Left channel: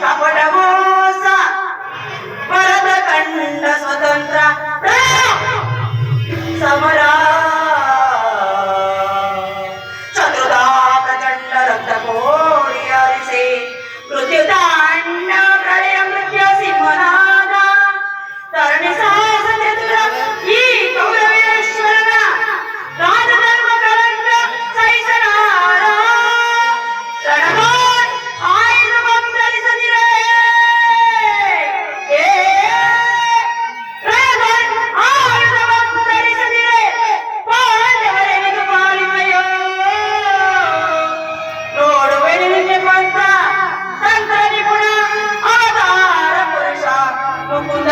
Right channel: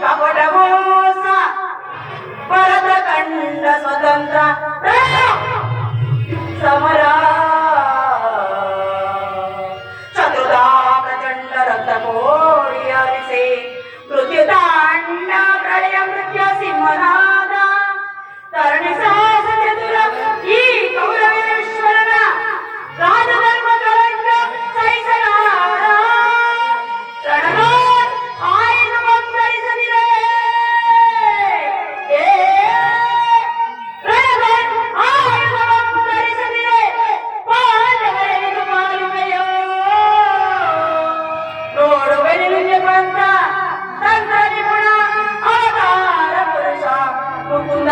ಕಪಟ ಮೋಸ ಭರತ ಕಂಡ ಸ್ವತಂತ್ರ ಸಮರ ಚತುರ್ಧಾ ಪ್ರಚಂಡ ರಕ್ತ ಕೋಡಿ ಹರಿಸಿ ಮೃತ್ಯುದಾಂಡ ಪ್ರಳಯ ಮೃತ್ಯು ಸಿಂಹನಾದ ತರಣಿ ಸಾಹಸ ಚತುರ ಈ ಕೌರವೇಶ್ವರನ ರಾಜಧರ್ಮ ಕಳಂಕ ಸಹಿಸಲಾರ ರಣಗಾನ್ ಆಯುಧ ಬಂಧರಿಸದಿರೇ ರಣಗಾನ್ ಆಯುಧ ಬಂಧರಿಸದಿರೇ ಪಾಂಡವರೆನಿದು ಪಾಲಿಮಯೋ ನೋಡುವೆನಿಗೆ ಬಂದ ತಂತ್ರ ನಿಪುಣ ಆಧಾರ ಪುರುಷ ಮುಕುಂದ